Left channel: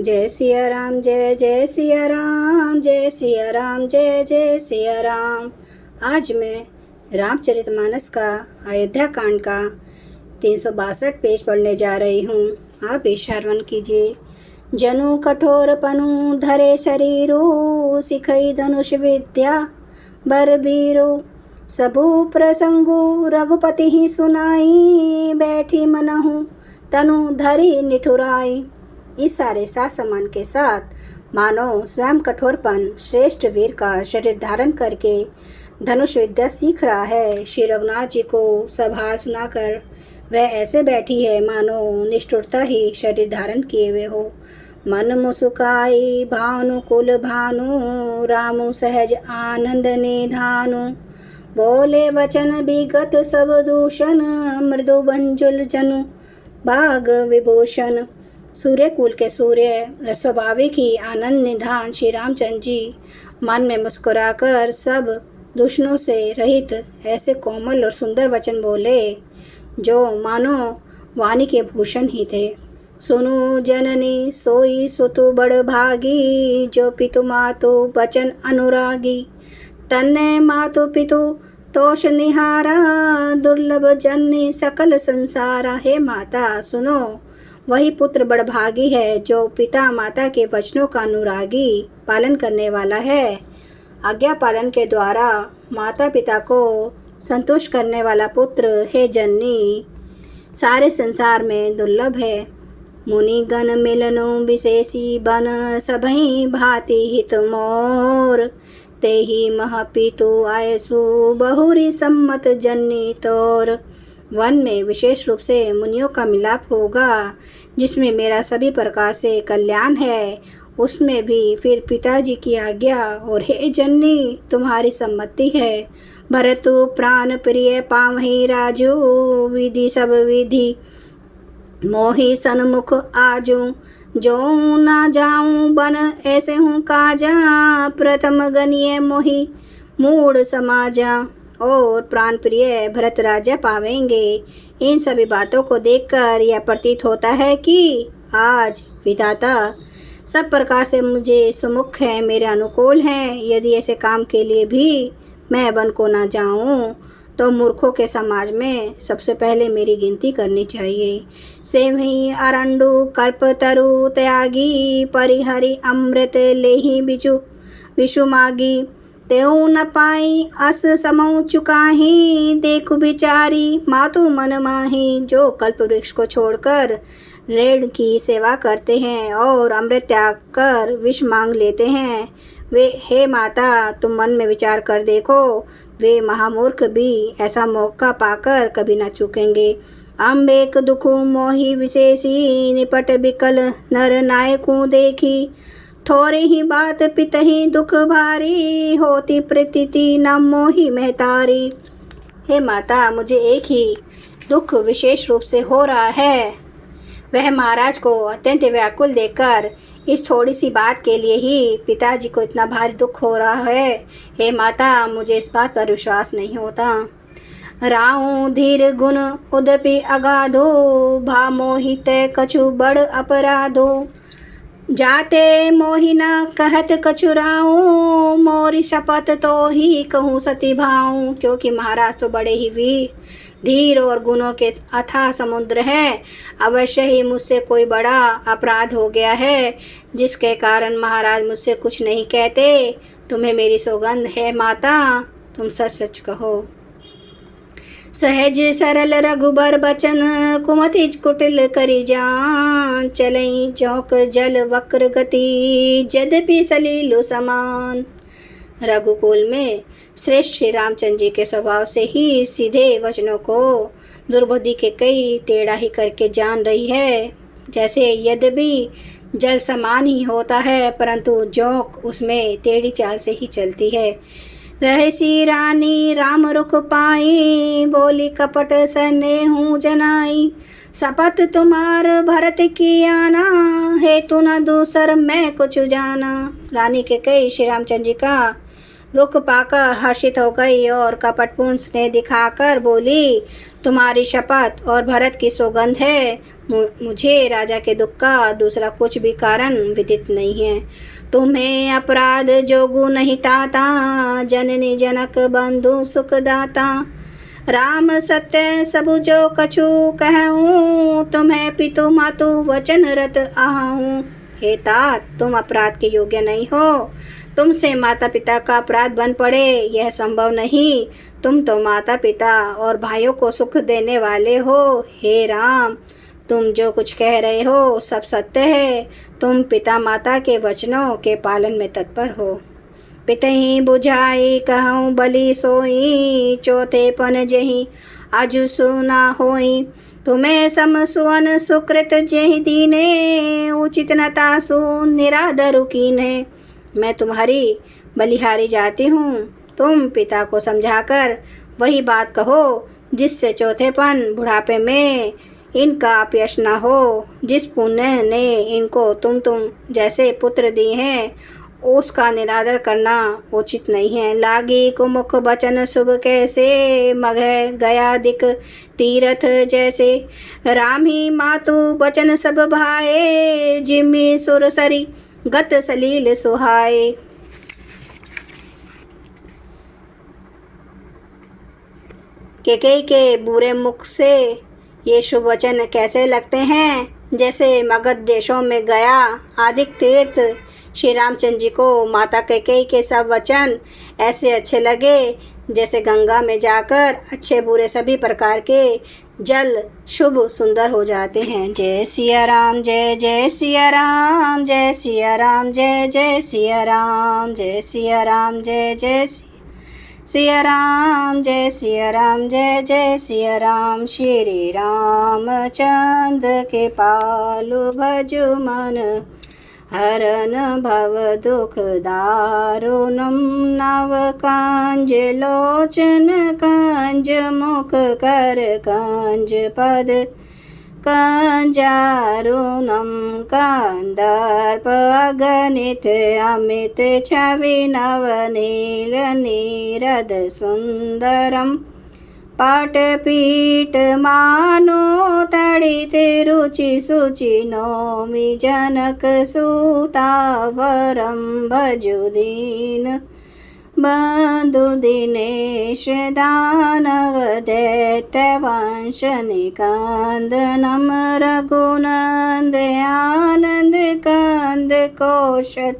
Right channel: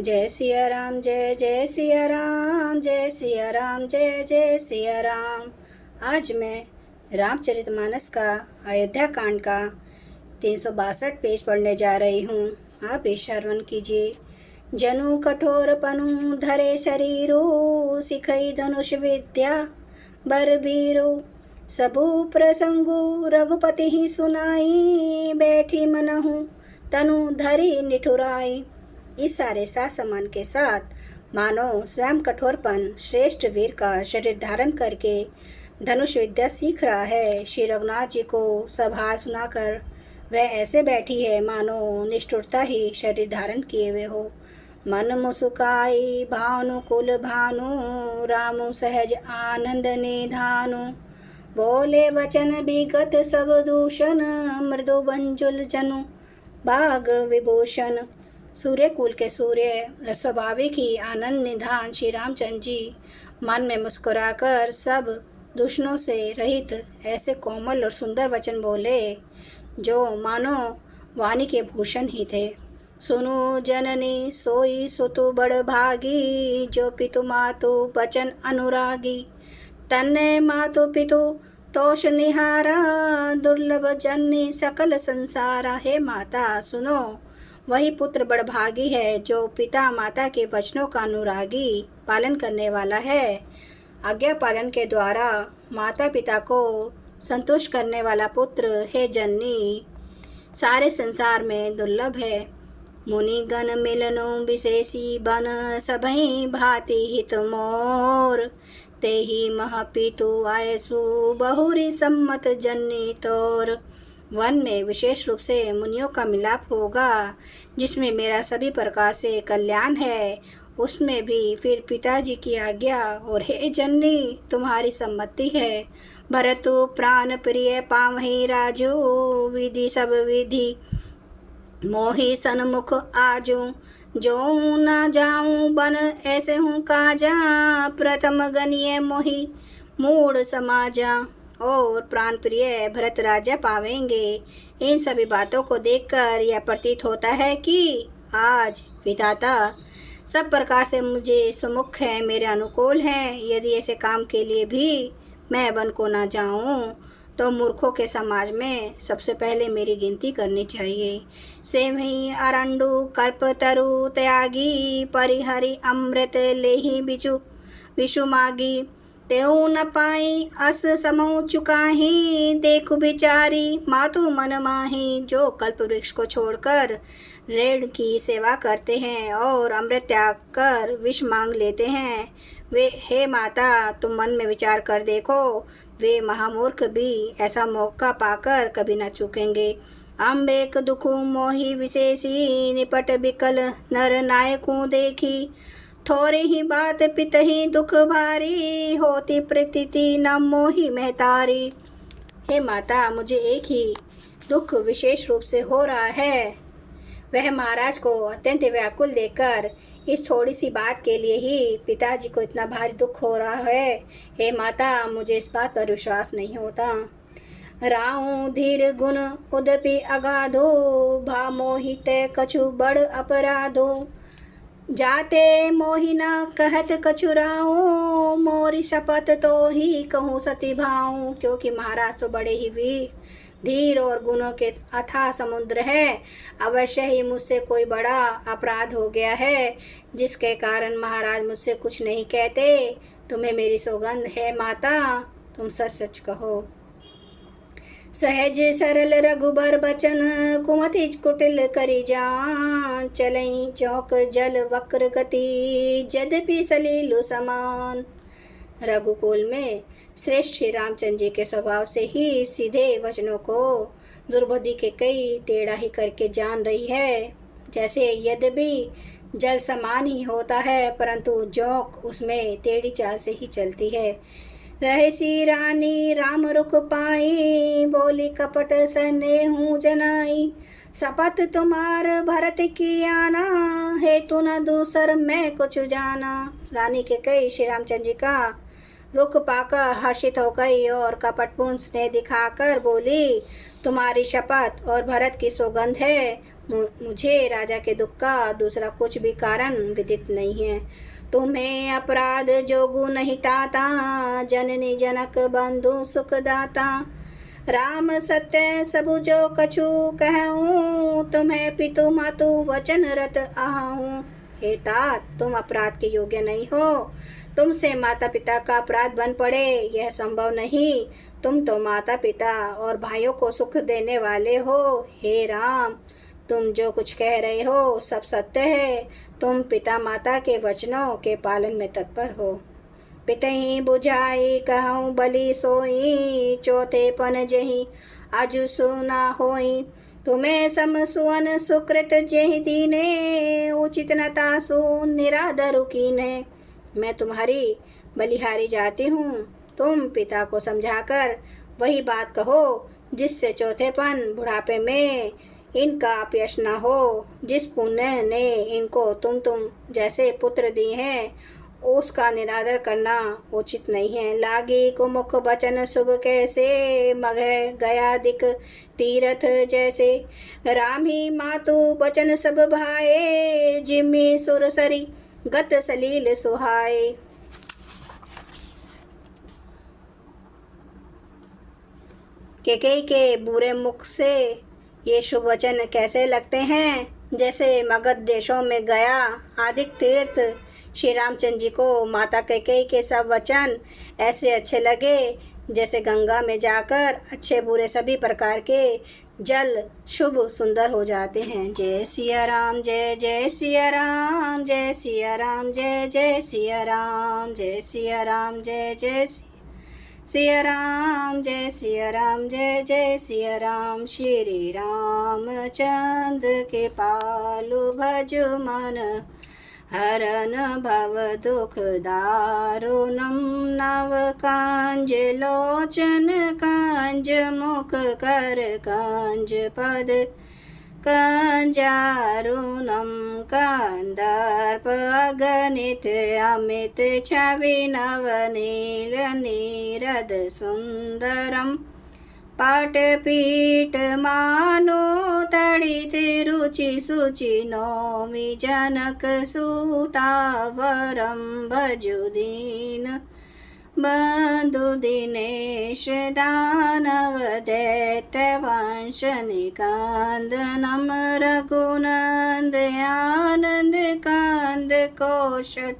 जय सिया राम, जय जय सिया राम, जय सिया राम, जय जय सिया राम। आज मैं रामचरितमानस का अयोध्या कांड का 362 पेज पढ़ने जा रही हूँ। आप भी श्रवण कीजिए। जनु कठोर पनु धरे शरीरो, सिखई धनुष विद्या बर बीरो। सबु प्रसंगु रघुपति ही सुनाई, बैठी मनहु तनु धरी निठुराई। इस सारे साज सामान के साथ मानव स्वयं कठोरपन श्रेष्ठ वीर का शरीर धारण करके धनुष विद्या सीख रहा है। श्री रघुनाथ जी को सब हाल सुनाकर वह ऐसे बैठी है मानो निष्ठुरता ही शरीर धारण किए हुए हो। मन मुस्काई भानुकुल भानु, रामु सहज आनंद निधानु। बोले वचन विगत सब दूषण, मृदु मंजुल जनु बाग विभूषण। सूर्यकुल के सूर्य स्वाभाविक ही आनंद निधान श्री रामचंद्र जी मन में मुस्कुराकर सब दूषणों से रहित ऐसे कोमल और सुंदर वचन बोले जो मानो वाणी के भूषण ही थे। सुनु जननी सोई सुतु बड़ भागी, जो पितु मातु बचन अनुरागी। तन्ने मातु पितु तोष निहारा, दुर्लभ जननी सकल संसारा। हे माता सुनो, वही पुत्र बड़भागी है जो पिता माता के वचनों का अनुरागी पालन करने वाला है। आज्ञा पालन के द्वारा माता पिता को संतुष्ट करने वाला पुत्र हे जननी सारे संसार में दुर्लभ है। मुनिगण मिलनु विशेषी बन, सबहि भांति हित मोर। तेहि महपितु आयसु बहुरी सम्मत जननी तोर। वन में विशेष रूप से मुनियों का मिलाप होगा, जिसमें मेरा सभी प्रकार से कल्याण है, उसमें भी फिर पिताजी की आज्ञा और हे जननी तुम्हारी सम्मति है। भरतु प्राण प्रिय पावहि राजू, विधि सब विधि मोहि सन्मुख आजू। जो न जाऊं बन ऐसे हूँ काजा, प्रथम गनिय मोहि मूड समाजा। और प्राण प्रिय भरत राजा पावेंगे। इन सभी बातों को देखकर यह प्रतीत होता है कि आज विधाता सब प्रकार से मुझे सुमुख है, मेरे अनुकूल हैं। यदि ऐसे काम के लिए भी मैं वन को ना जाऊं तो मूर्खों के समाज में सबसे पहले मेरी गिनती करनी चाहिए। सेवही अरंडु कल्पतरु त्यागी, परिहरि अमृत लेहि बिचु विषु मागी। तेऊ न पाई अस समऊ चुकाही, देखु बिचारी मातु मन माही। जो कल्प वृक्ष को छोड़कर रेण की सेवा करते हैं और अमृत त्याग कर विष मांग लेते हैं, वे हे माता तुम मन में विचार कर देखो, वे महामूर्ख भी ऐसा मौका पाकर कभी न चूकेंगे। अम्बेक दुखु मोहि विशेषी, निपट बिकल नर नायकू देखी। थोड़ी ही बात पितहि दुख भारी, होती प्रतीति न मोहि महतारी। हे माता मुझे एक ही दुख विशेष रूप से हो रहा है, वह महाराज को अत्यंत व्याकुल देखकर इस थोड़ी सी बात के लिए ही पिताजी को इतना भारी दुख हो रहा है। हे माता मुझे इस बात पर विश्वास नहीं होता। राहु धीर गुण उदपि अगाधो, भा मोहित कछु बड़ अपराधो। जाते मोहि न कहत कछुराऊं, मोरी शपथ तो ही कहूँ सती भाऊं। क्योंकि महाराज तो बड़े ही वीर धीर और गुणों के अथाह समुद्र है, अवश्य ही मुझसे कोई बड़ा अपराध हो गया है, जिसके कारण महाराज मुझसे कुछ नहीं कहते। तुम्हें मेरी सौगंध है माता, तुम सच सच कहो। सहज सरल रघुबर बचन, कुमति कुटिल करी जान। चलई चौक जल वक्र गति, यद्यपि सलीलो समान। रघुकुल में श्रेष्ठ श्री रामचंद्र जी के स्वभाव से ही सीधे वचनों को दुर्बुद्धि के कई टेढ़ा ही करके जान रही है। जैसे यद्यपि जल समान ही होता है, परंतु जोंक उसमें टेढ़ी चाल से ही चलती है। रहसी रानी राम रुख पाई, बोली कपट स्नेहु जनाई। शपथ तुम्हार भरत की आना, हेतु न दूसर मैं कुछ जाना। रानी के कई श्री रामचंद्र जी का रुख पाकर हर्षित हो गई और कपटपूर्ण स्नेह दिखाकर बोली, तुम्हारी शपथ और भरत की सौगंध है, मुझे राजा के दुख का दूसरा कुछ भी कारण विदित नहीं है। तुम्हें अपराध जोगु नहीं ताता, जननी जनक बंधु सुखदाता। राम सत्य सबु जो कछु कहूँ, तुम्हें पितु मातु वचन रत आहूँ। हे तात, तुम अपराध के योग्य नहीं हो। तुमसे माता पिता का अपराध बन पड़े यह संभव नहीं। तुम तो माता पिता और भाइयों को सुख देने वाले हो। हे राम, तुम जो कुछ कह रहे हो सब सत्य है। तुम पिता माता के वचनों के पालन में तत्पर हो। पितहि बुझाई कहूँ बलि सोई, चौथे पन जही आजु सुना होई। तुम्हें सम सुवन सुकृत जेहि दीने, उचित न तासु निरादरु कीन्हे। मैं तुम्हारी बलिहारी जाती हूँ। तुम पिता को समझाकर वही बात कहो जिससे चौथेपन बुढ़ापे में इनका अपयश न हो। जिस पुण्य ने इनको तुम जैसे पुत्र दिए हैं उसका निरादर करना उचित नहीं है। लागी कुमुख बचन शुभ कैसे, मघ गया दिक तीरथ जैसे। राम ही मातु बचन सब भाए, जिम्मी सुरसरी गत सलील सुहाए। कैकेयी के बुरे मुख से ये शुभ वचन कैसे लगते हैं, जैसे मगध देशों में गया आदिक तीर्थ श्री रामचंद्र जी को माता कैकेयी के सब वचन ऐसे अच्छे लगे जैसे गंगा में जाकर अच्छे बुरे सभी प्रकार के जल शुभ सुंदर हो जाते हैं। जय सिया राम, जय जय सिया राम, जय सिया राम, जय जय सिया राम, जय सिया राम, जय जय सिया राम, जय सिया राम, जय जय सिया राम। श्री रामचंद्र के पालु भजु मन, हरन भव दुख दारुणम। नव कांज लोचन कंज, मुख कर कंज पद कंजारुणम। कंदर्प अगणित अमित छवि, नवनील नीरद सुंदरम। पाटपीठ मानो तड़ित रुचि शुचि, नौमि जनक सुतावरम। भजु दीन बंधु दिनेश, दानव दैत्य वंश निकंदनम। रघुनंद आनंद कंद कौशल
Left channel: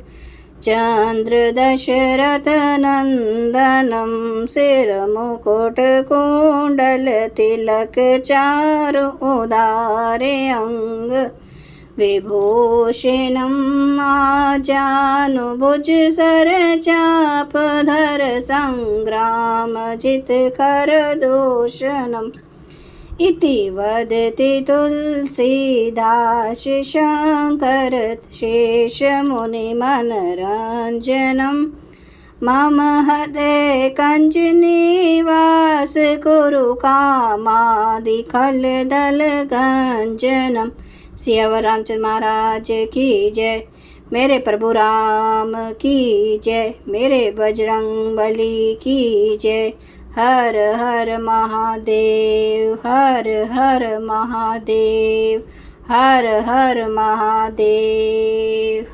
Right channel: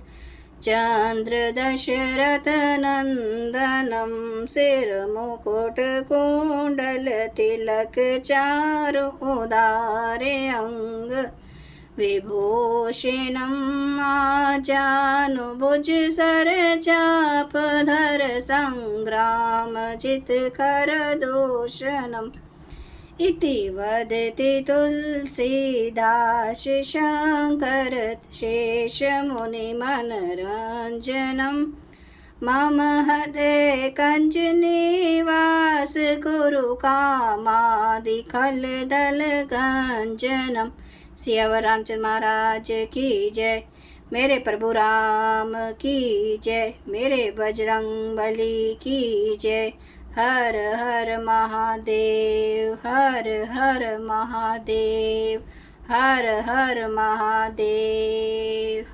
चंद्र दशरथ नंदनम। सिर मुकुट कुंडल तिलक, चारु उदारे अंग विभूषणम। आजानुभुज सर चाप धर, संग्राम जित कर दूषणम। इति वदति तुलसीदास, शंकर शेष मुनि मनरंजनम। मम हृदय कंज निवास, कुरु कामादि खल दल गंजनम। सियावर रामचंद्र महाराज की जय। मेरे प्रभु राम की जय। मेरे बजरंग बली की जय। हर हर महादेव, हर हर महादेव, हर हर महादेव।